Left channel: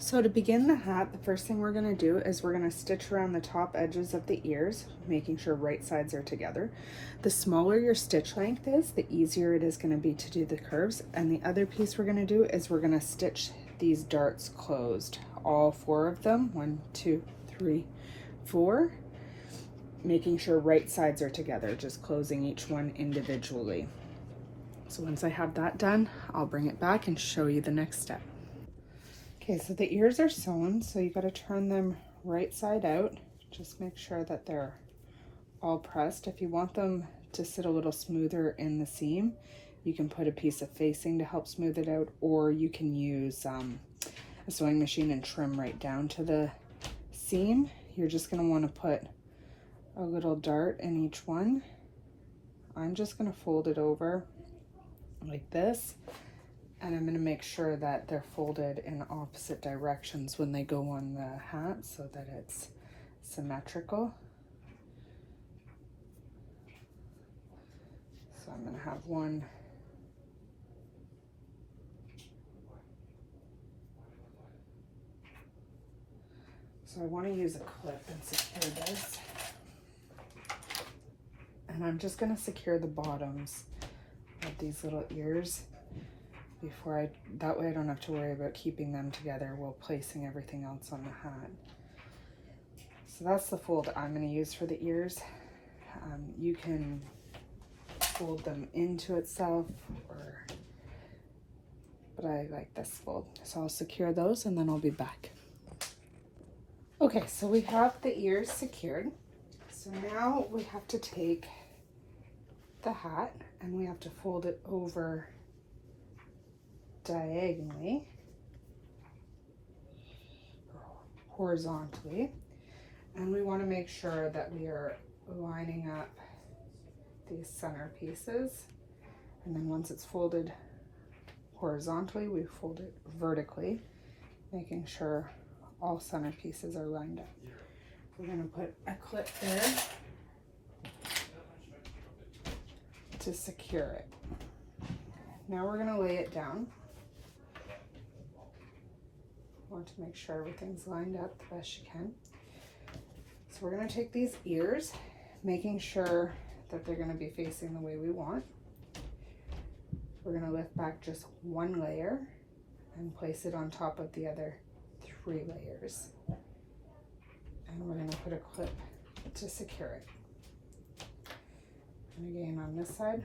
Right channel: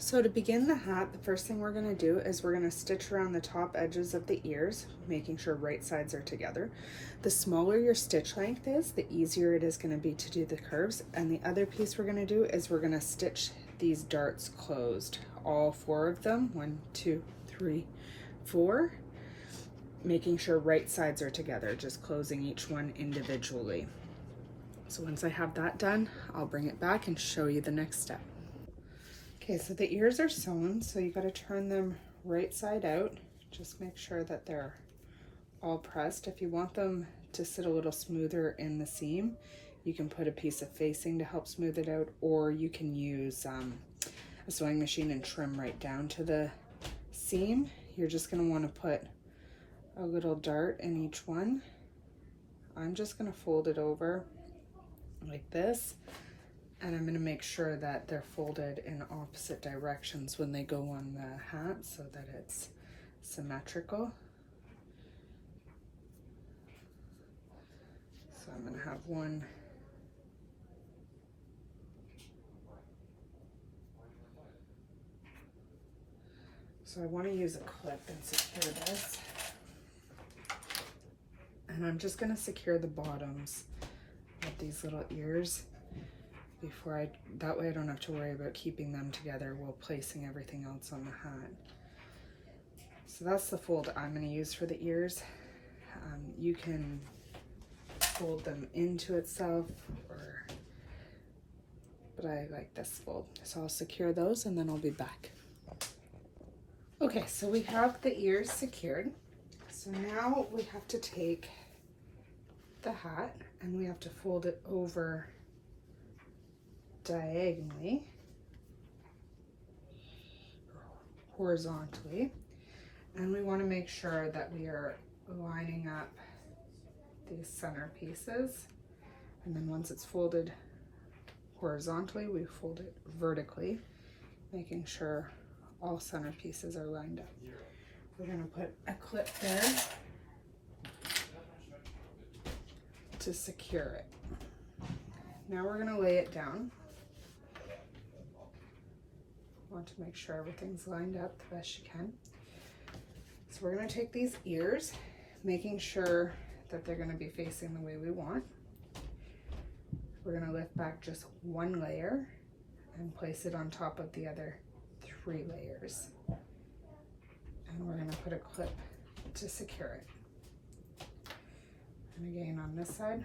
So to begin the hat, the first thing we're going to do is we're going to stitch around the top edges of the ears, making sure right sides are together. The smaller your stitch length is, the easier it is going to be to do the curves. And the other piece we're going to do is we're going to stitch these darts closed, all 4 of them, 1, 2, 3, 4, making sure right sides are together, just closing each one individually. So once I have that done, I'll bring it back and show you the next step. Okay, so the ears are sewn, so you got to turn them right side out. Just make sure that they're all pressed. If you want them to sit a little smoother in the seam, you can put a piece of facing to help smooth it out, or you can use a sewing machine and trim right down to the seam. You're just going to want to put a little dart in each one. I'm just going to fold it over like this. And I'm going to make sure that they're folded in opposite directions when they go on the hat so that it's symmetrical. So I'm going to have one so I want to use a clip and secure this. And I'm just going to secure the bottoms of these little ears before that way I don't have to worry about keeping them together while placing everything else on the hat. So that's the fold I'm going to use for the ears. You can fold them into itself, but I like this fold. So I'll secure those and then I'll be back. Okay, so we have the ears secured. So now we have to take the hat and we have to fold it over diagonally, horizontally, and we want to make sure that we are lining up these center pieces, and then once it's folded horizontally, we fold it vertically, making sure all center pieces are lined up. We're going to put a clip there to secure it. Now we're going to lay it down. Want to make sure everything's lined up the best you can. So we're going to take these ears, making sure that they're going to be facing the way we want. We're going to lift back just 1 layer and place it on top of the other 3 layers. And we're going to put a clip to secure it. And again on this side,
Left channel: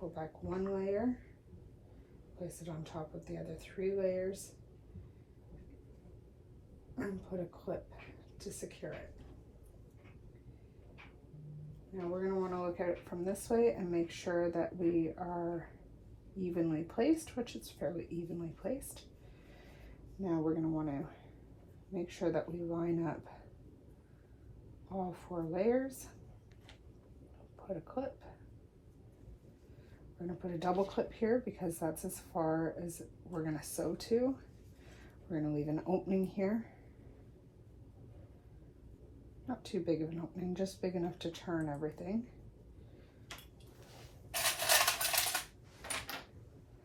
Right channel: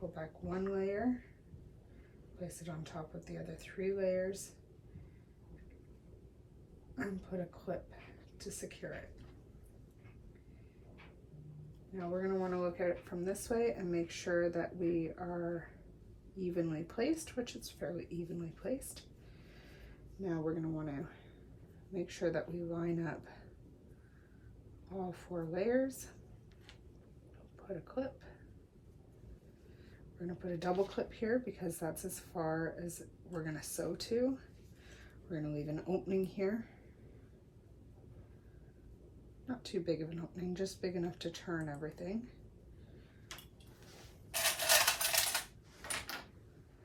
pull back 1 layer, place it on top of the other 3 layers, and put a clip to secure it. Now we're going to want to look at it from this way and make sure that we are evenly placed, which it's fairly evenly placed. Now we're going to want to make sure that we line up all 4 layers. Put a clip. We're going to put a double clip here because that's as far as we're going to sew to. We're going to leave an opening here. Not too big of an opening, just big enough to turn everything.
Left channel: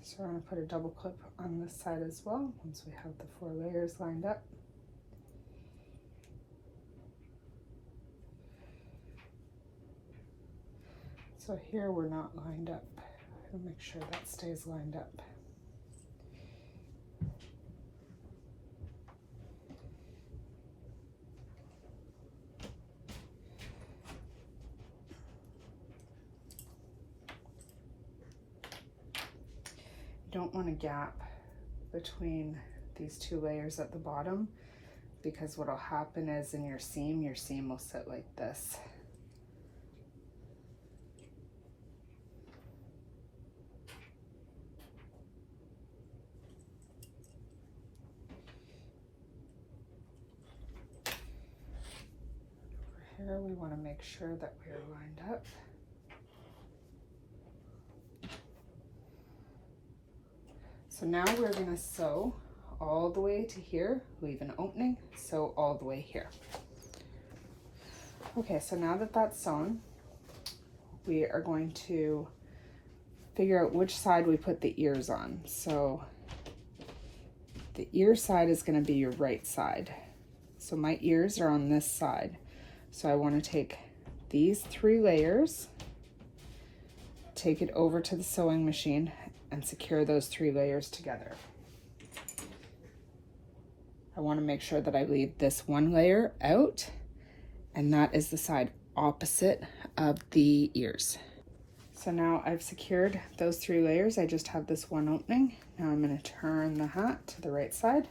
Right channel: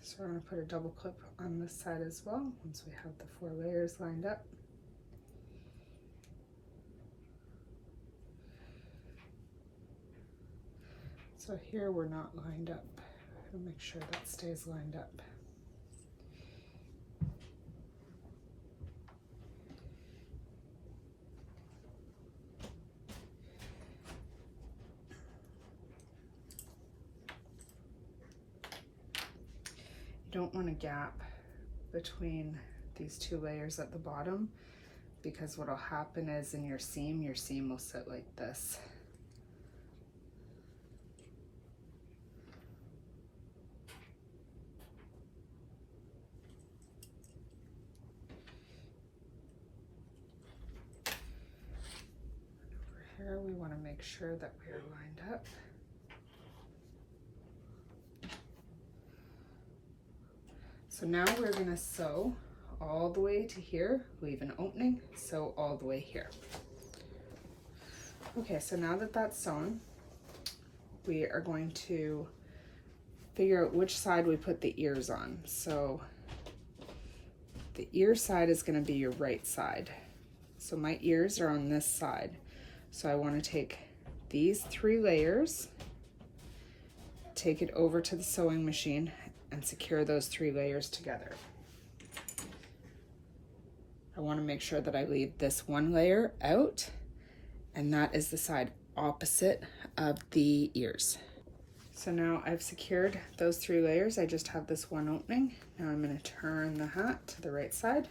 So we're going to put a double clip on this side as well once we have the 4 layers lined up. So here we're not lined up. I'll make sure that stays lined up. You don't want a gap between these 2 layers at the bottom, because what'll happen is in your seam will sit like this. Over here we want to make sure that we are lined up. So now we're going to sew all the way to here, leave an opening, sew all the way here. Okay, so now that that's sewn, we are going to figure out which side we put the ears on. So The ear side is going to be your right side. So my ears are on this side. So I want to take these 3 layers, take it over to the sewing machine, and secure those 3 layers together. I want to make sure that I leave this 1 layer out, and that is the side opposite of the ears. So now I've secured those 3 layers. I just have this one opening. Now I'm going to turn the hat to the right side.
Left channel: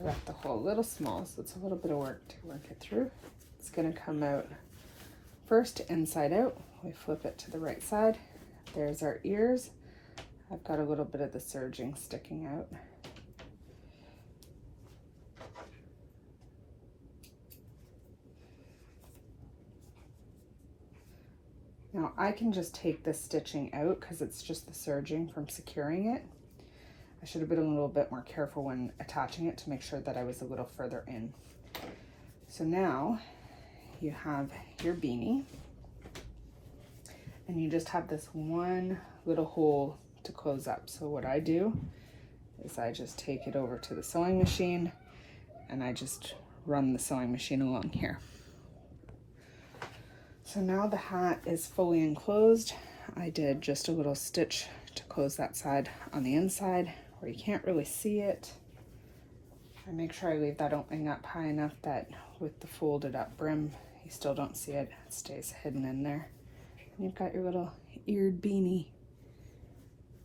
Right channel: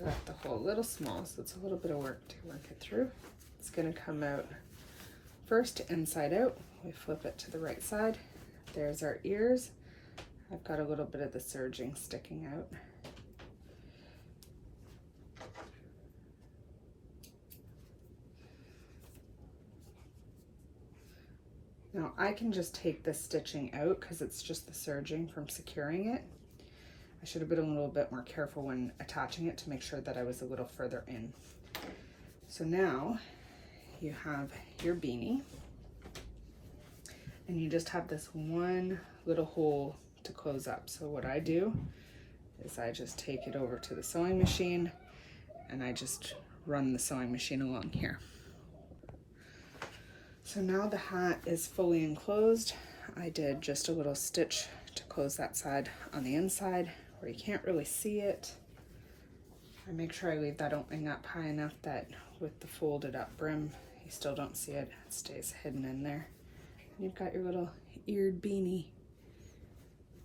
I left the hole a little small, so it's a little bit of work to work it through. It's going to come out first inside out. We flip it to the right side. There's our ears. I've got a little bit of the serging sticking out. Now I can just take this stitching out because it's just the serging from securing it. I should have been a little bit more careful when attaching it to make sure that I was a little further in. So now you have your beanie, and you just have this one little hole to close up. So what I do is I just take it over to the sewing machine and I just run the sewing machine along here. So now the hat is fully enclosed. I did just a little stitch to close that side on the inside where you can't really see it. I make sure I leave that opening up high enough that with the folded up brim, you still don't see it. It stays hidden in there. And you've got your little eared beanie.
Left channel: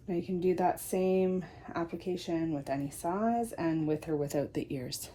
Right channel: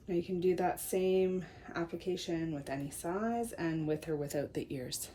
Now you can do that same application with any size and with or without the ears.